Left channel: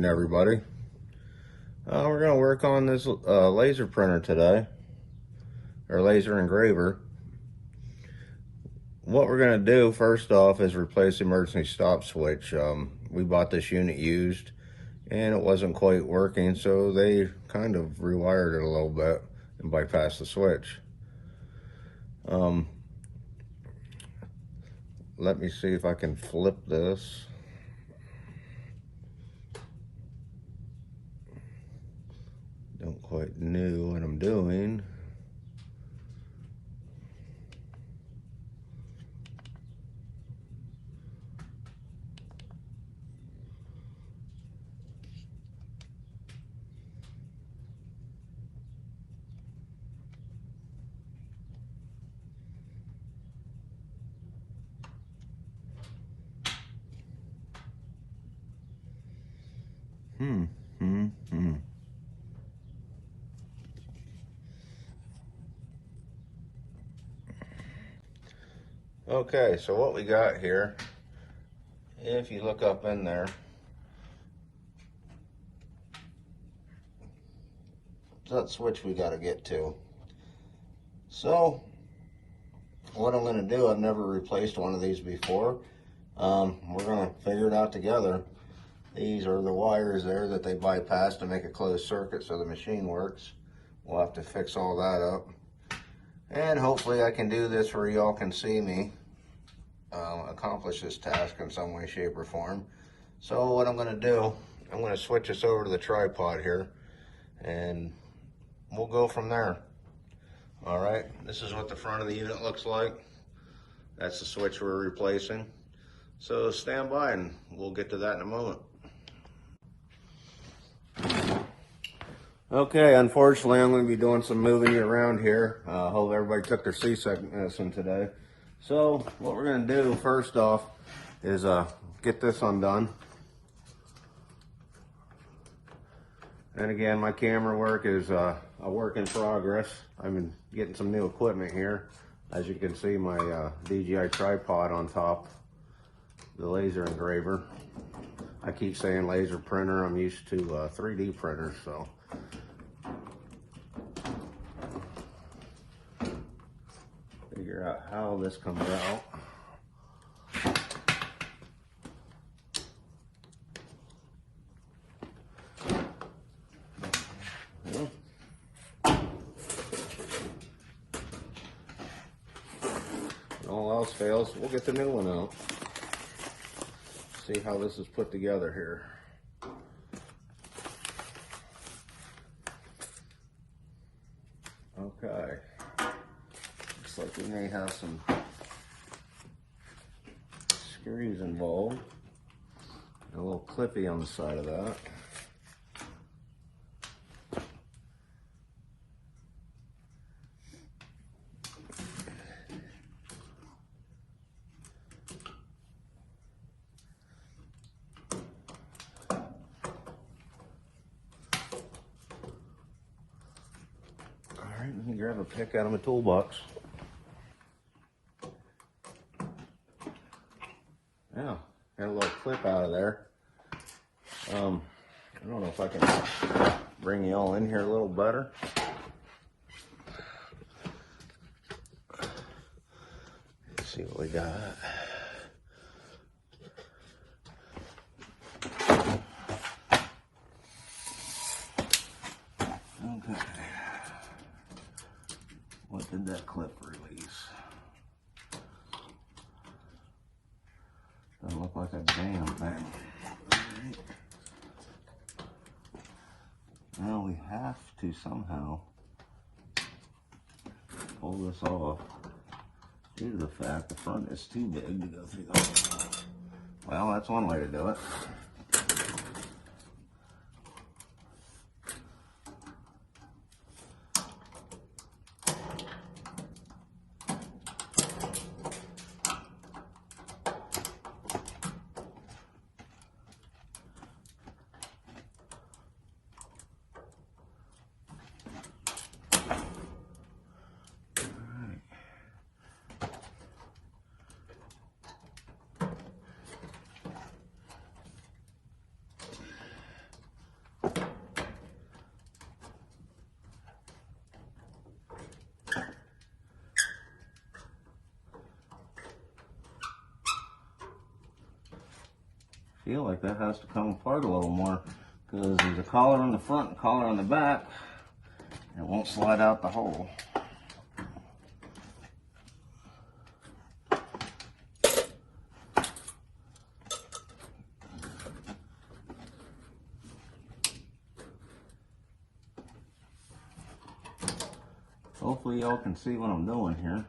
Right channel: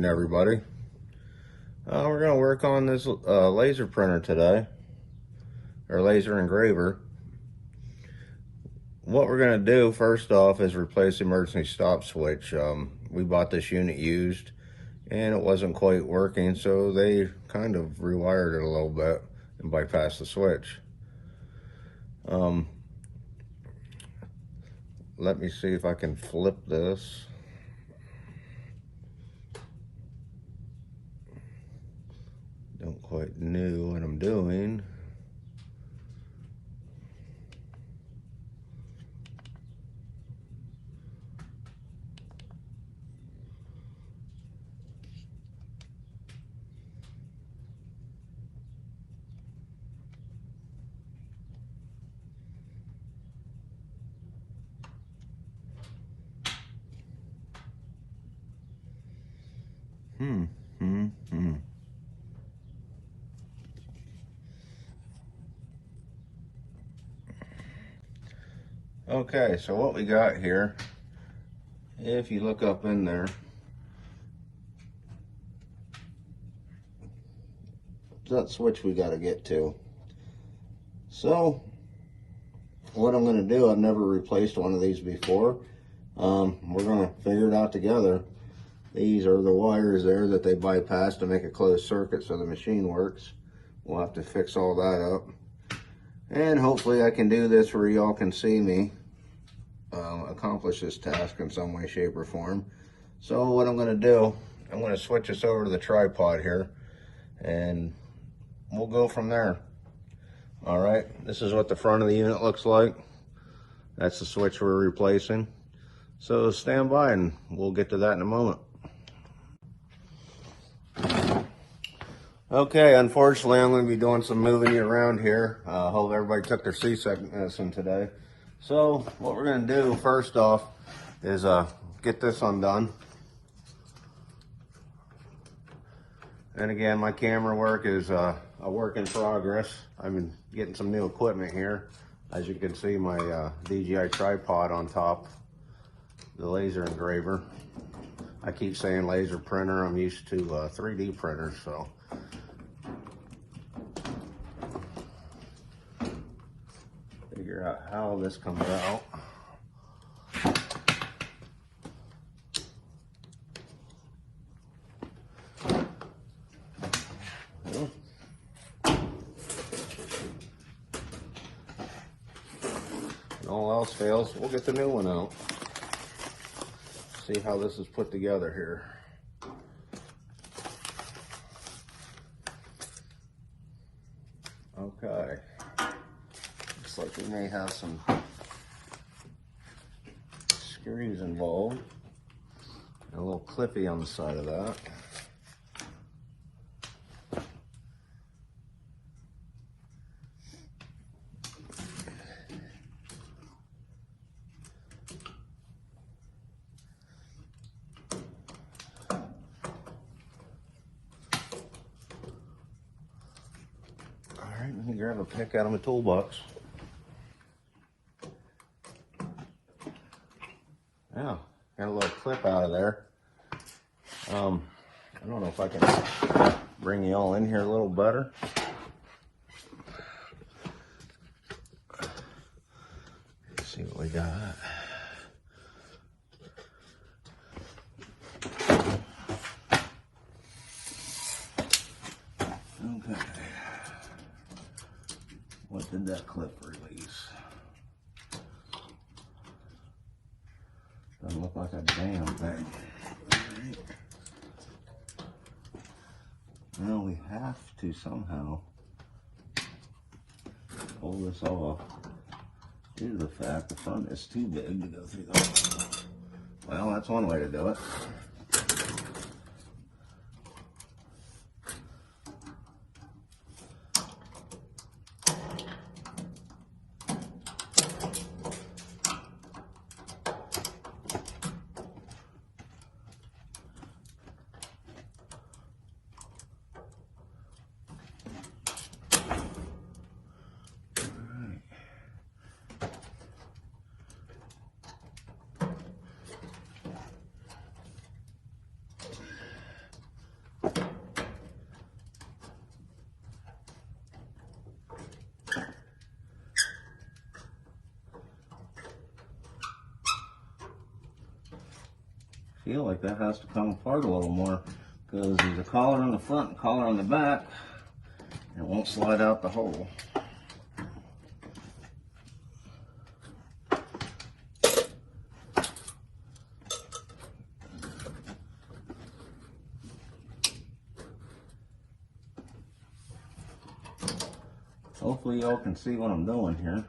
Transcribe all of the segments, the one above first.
morning, everybody. We're going to work on this laser printer today, or laser engraver. What we're going to do first off is replace the emergency stop switch. We bought this unit used and it wasn't quite working, so they kind of rewired it a little bit and bypassed the switch. Let me see if I can flip this. Don't quite know what I'm doing. Okay, so what we got here, if you look up in there, that switch we got to get to. So what I'm going to do, I've never replaced one of these before. We're going to figure it out together. These are the wires there that they bypass to make a closed circuit so the machine works. We'll have to fix all that up. And hopefully I can do this where y'all can see me accomplish this task in some way, shape, or form. So what I'm going to do, I'm going to switch this over to the tripod here, and we'll go from there. All right, this is what the front of the unit looks like. That's the switch we're replacing. So stand by and we'll get to that in a moment. Okay, unfortunately I'm going to be doing some moving around here. Hope everybody took their C-section medicine today. So what we're going to do first off is get this undone. And again, my camera work is a work in progress. I've been getting some new equipment here. As you can see, my DJI tripod on top, the laser engraver. I keep saying laser printer. I'm used to 3D printers, so. Figure out how this comes out. All else fails, we'll get the new one out. See how this is put together here. Okay. Looks like we may have some screws involved. A little clippy on the side of that. Alright, let me grab a pick out of my toolbox. Yeah, got a little clip out of there. I don't know if I can bring you all in here a little better. Let's see what we got. Okay. What did that clip release? Doesn't look like a damn thing. Well, we have to somehow pull this off due to the fact the front is too big to go through that. Well, that's one way to do it. feel like that has to come apart a little more because there's a collar on the front and collar on the back. It won't slide out the hole. Hopefully y'all can see what I'm doing here.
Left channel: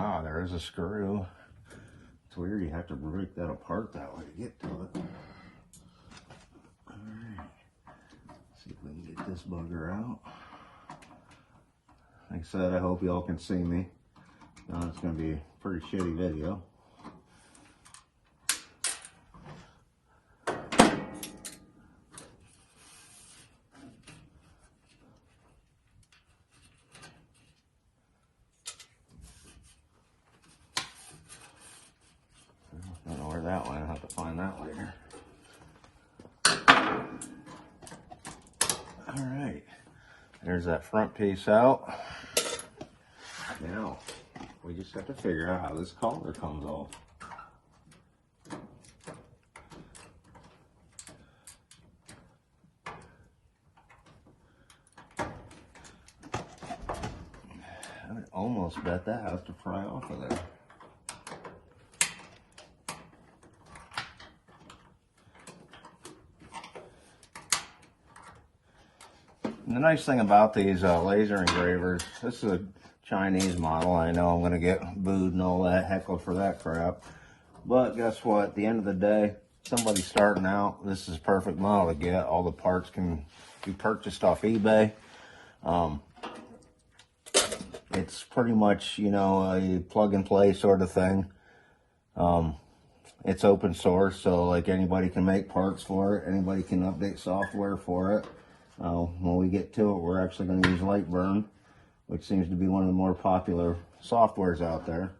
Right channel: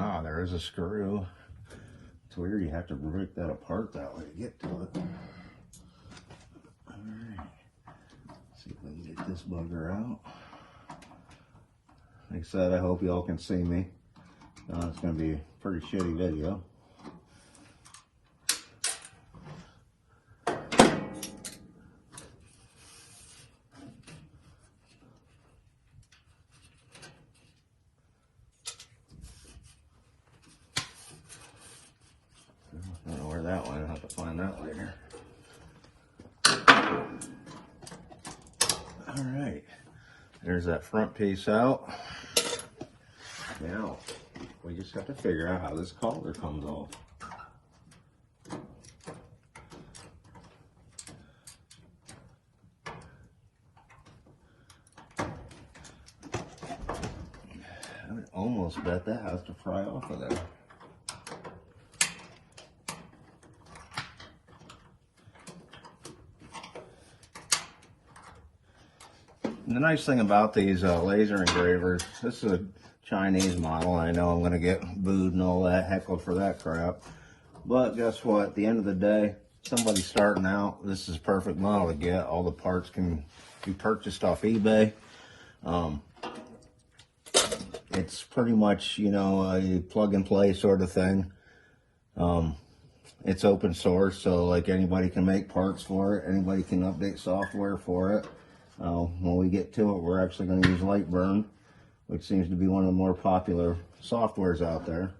Ah, there's a screw. It's weird you have to break that apart that way to get to it. Alright, see if we can get this bugger out. Like I said, I hope y'all can see me. It's going to be a pretty shitty video. I don't know where that went. I'll have to find that later. Alright, there's that front piece out. Now, we just have to figure out how this collar comes off. I almost bet that has to fry off of there. And the nice thing about these laser engravers, this is a Chinese model. I know I'm going to get booed and all that, heckled for that crap. But guess what? At the end of the day, somebody starting out, this is a perfect model to get. All the parts can be purchased off eBay. It's pretty much, you know, a plug and play sort of thing. It's open source, so like anybody can make parts for it. Anybody can update software for it. When we get to it, we're actually going to use Lightburn, which seems to be one of the more popular softwares out there.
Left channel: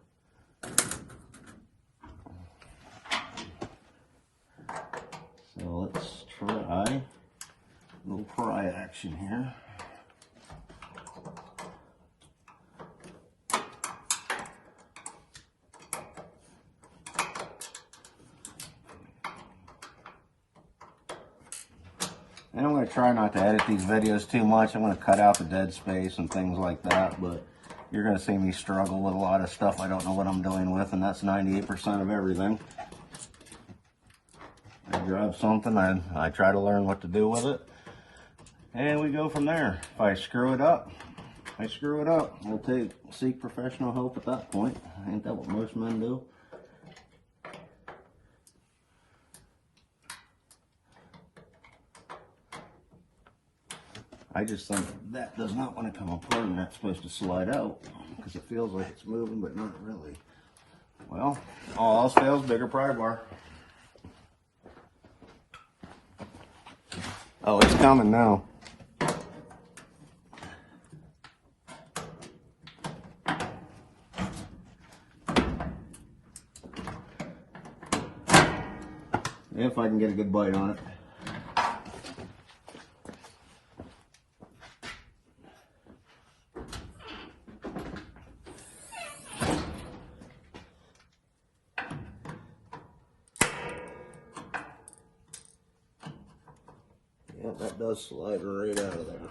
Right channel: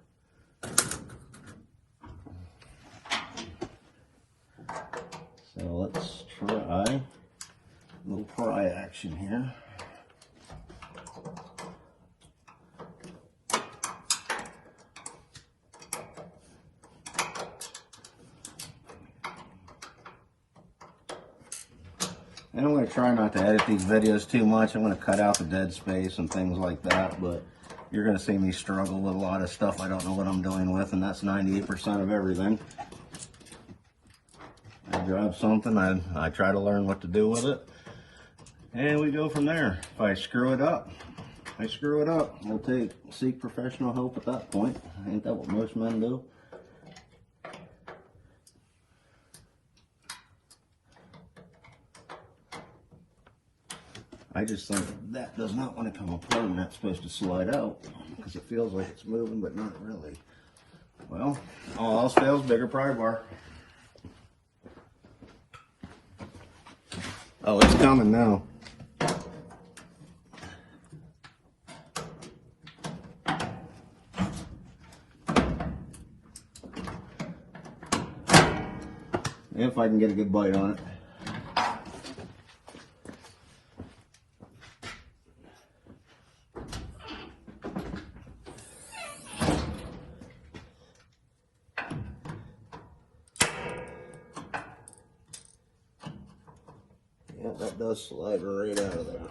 So let's try a little pry action here. And I'm going to try not to edit these videos too much. I'm going to cut out the dead space and things like that, but you're going to see me struggle with a lot of stuff I don't know what I'm doing with, and that's 98% of everything. I grab something, I try to learn what to do with it, and we go from there. If I screw it up, I screw it up. We'll seek professional help at that point. Ain't that what most men do? I just think that does not want to come apart and that's supposed to slide out because it feels like it's moving, but not really. Well, all else fails, bigger pry bar. Oh, it's coming now. If I can get a good bite on it. Yep, that does slide right out of there.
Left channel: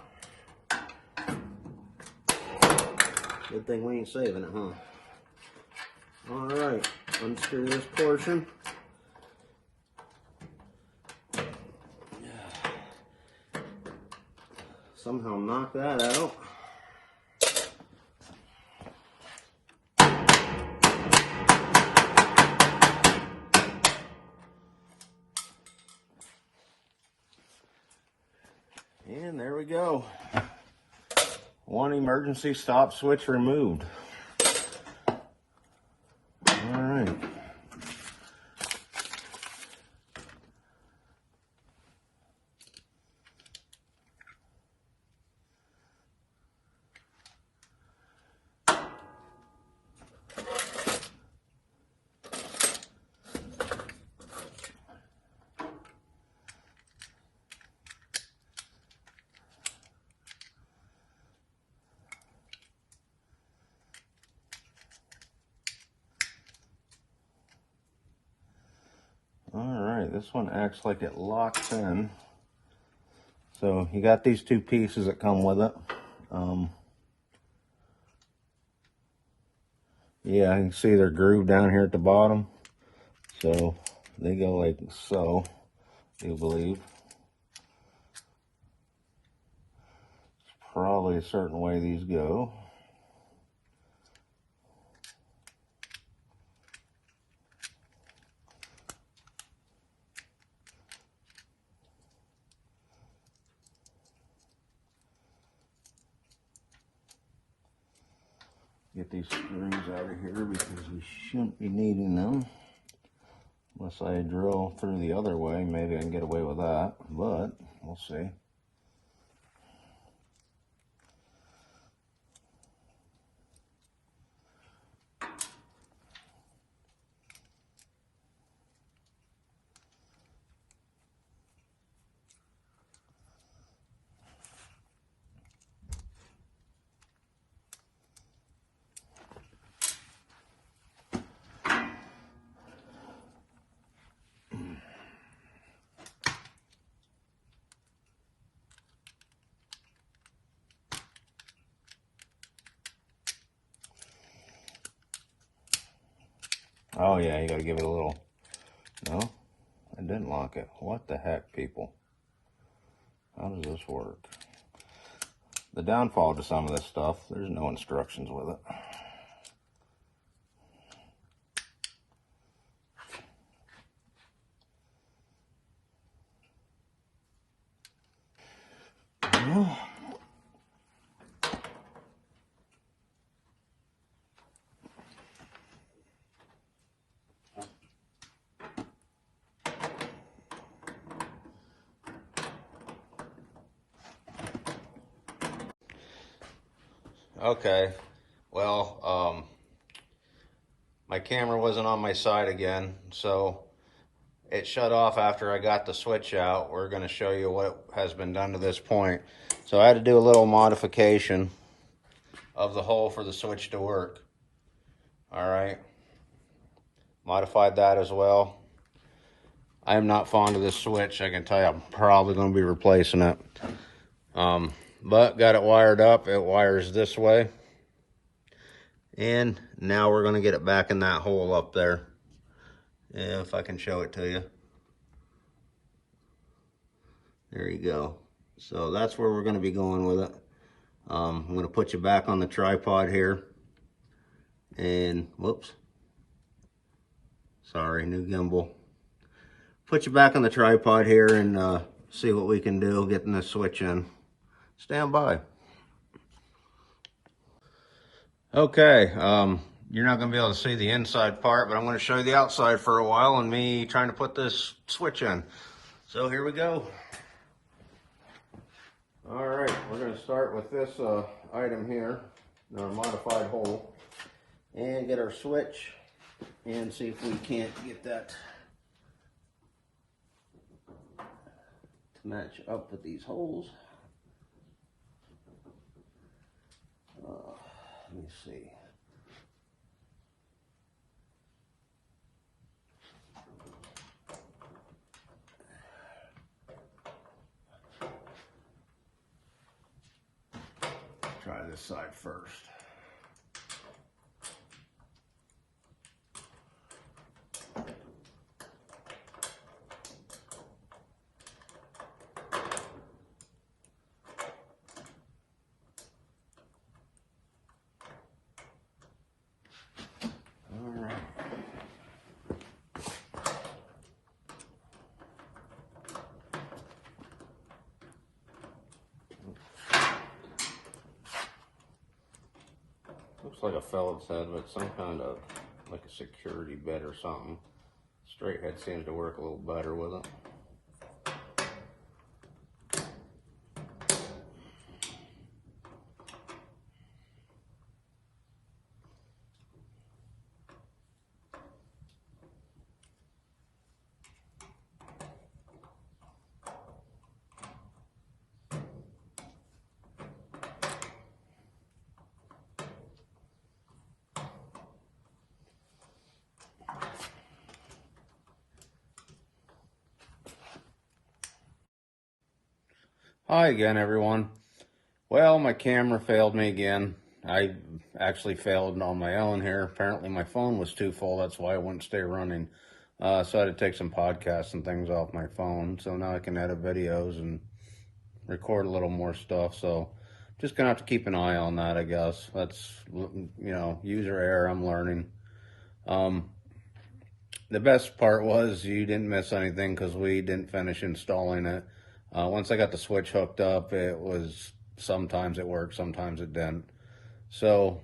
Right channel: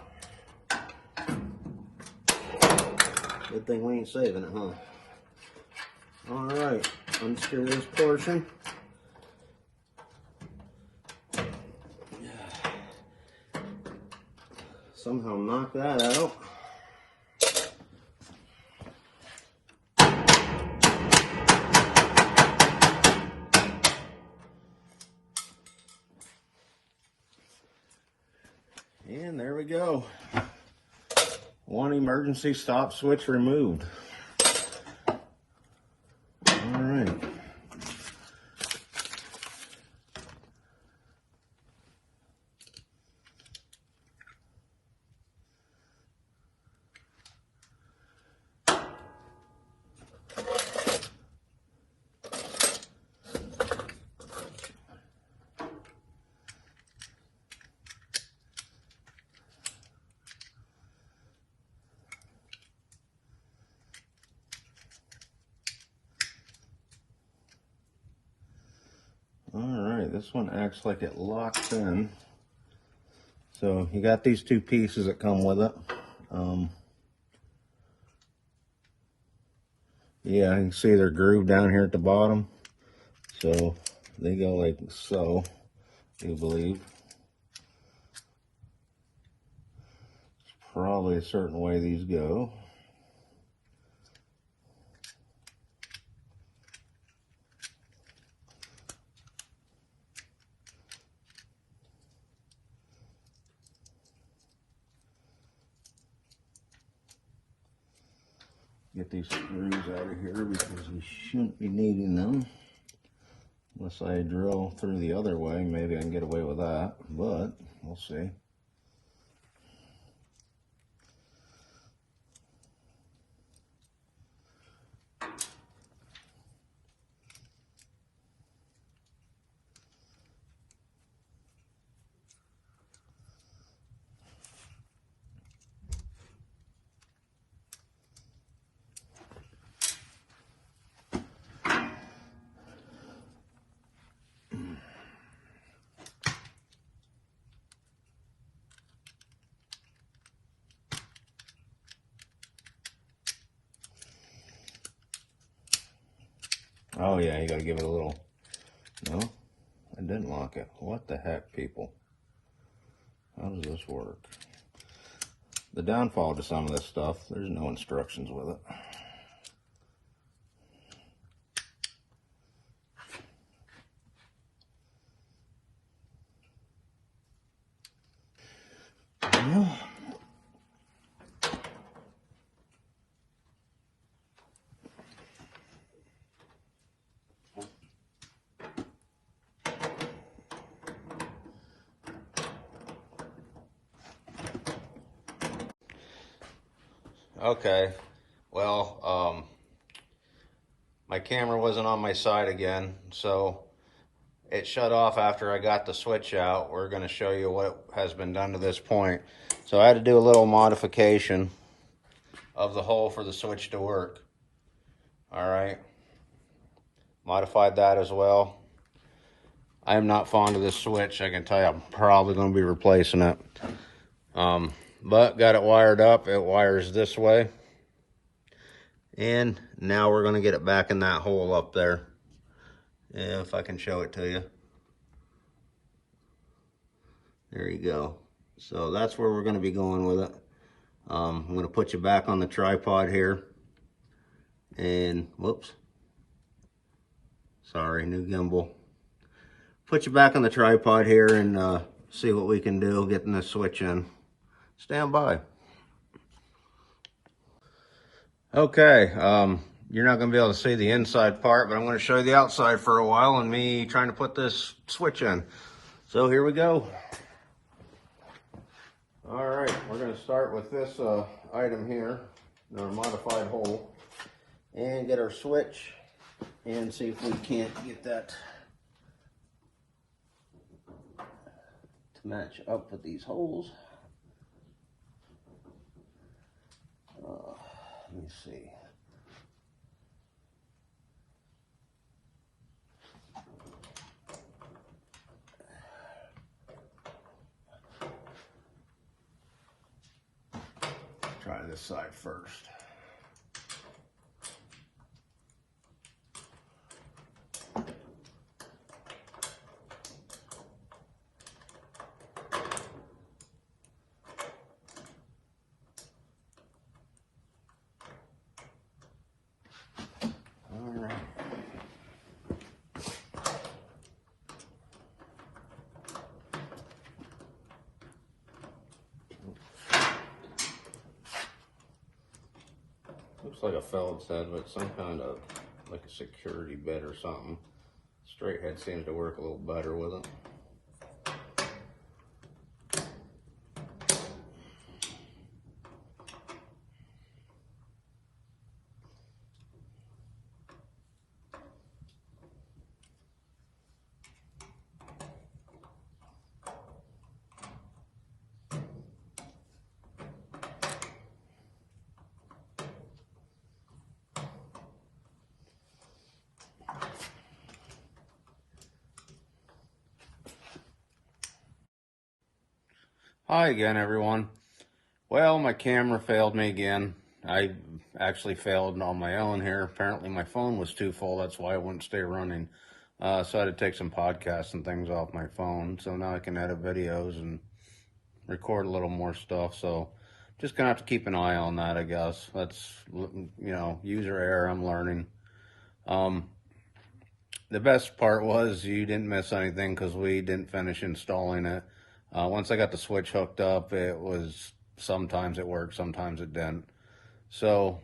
Good thing we ain't saving it, huh? Alright, unscrew this portion. Somehow knock that out. And there we go. One emergency stop switch removed. All right. Alright, this one acts like it locks in. So you got these two pieces that come with it. Yeah, you can see they're grooved down here at the bottom. So they go like so, you believe. It's probably a certain way these go. Get these screws out of here because we shouldn't be needing them. Unless I drill through the other way, maybe I can get away with that, but we'll see. Oh yeah, you gotta give it a little, no, I didn't lock it. What the heck, people? How does this work? The downfall to some of this stuff, there's no instructions with it. Yeah. Okay, well, my camera wasn't on my side again, so it shut off after I got the switch out. We're going to show you what has been done to this point. So I had to do a little modification of the hole for the switch to work. All right, modified that as well. I am not fond of this switch. I can tell you I'm probably going to be replacing it. But got it wired up. It wires this way. And now we're going to get it back in that hole up there. If I can show it to you. There you go. So that's where we're going to be going with it. I'm going to put you back on the tripod here. And, whoops. Sorry, new gimbal. Put you back on the tripod here and see what we can do getting this switch in. Stand by. Okay, you're not going to be able to see the inside part, but I'm going to show you the outside for a while and me trying to put this switch in. So here we go. All right, we're going to start with this item here, our modified hole, and get our switch and see if we can't get that to match up with these holes. Let me see. Try this side first. All right. looks like a Phillips head, but some kind of like a security bit or something. Straight head seems to work a little better with it. Hi again, everyone. Well, my camera failed me again. I actually failed on my own here. Apparently my phone was too full. That's why it wouldn't stay running. So I had to take some podcasts and things off my phone. So now I can edit videos and record a little more stuff. So just gonna have to keep an eye on that, I guess. That's, user error. I'm learning. The best part was you didn't miss anything because we didn't finish installing it. Once I got the switch hooked up, sometimes it worked, sometimes it didn't. So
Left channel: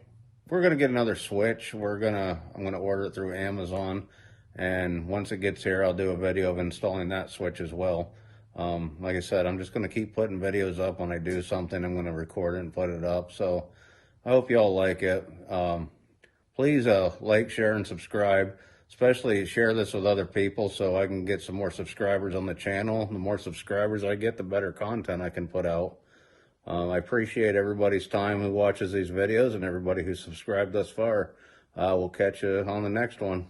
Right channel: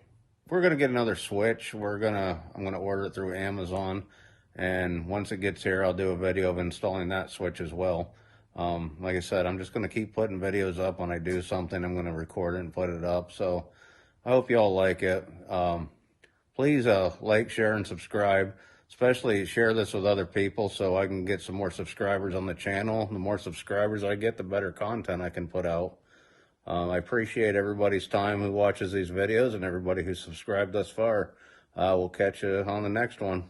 we're gonna get another switch. I'm gonna order it through Amazon, and once it gets here, I'll do a video of installing that switch as well. Like I said, I'm just gonna keep putting videos up. When I do something, I'm gonna record it and put it up. So I hope y'all like it. Please like, share, and subscribe. Especially share this with other people so I can get some more subscribers on the channel. The more subscribers I get, the better content I can put out. I appreciate everybody's time who watches these videos and everybody who's subscribed thus far. We'll catch you on the next one.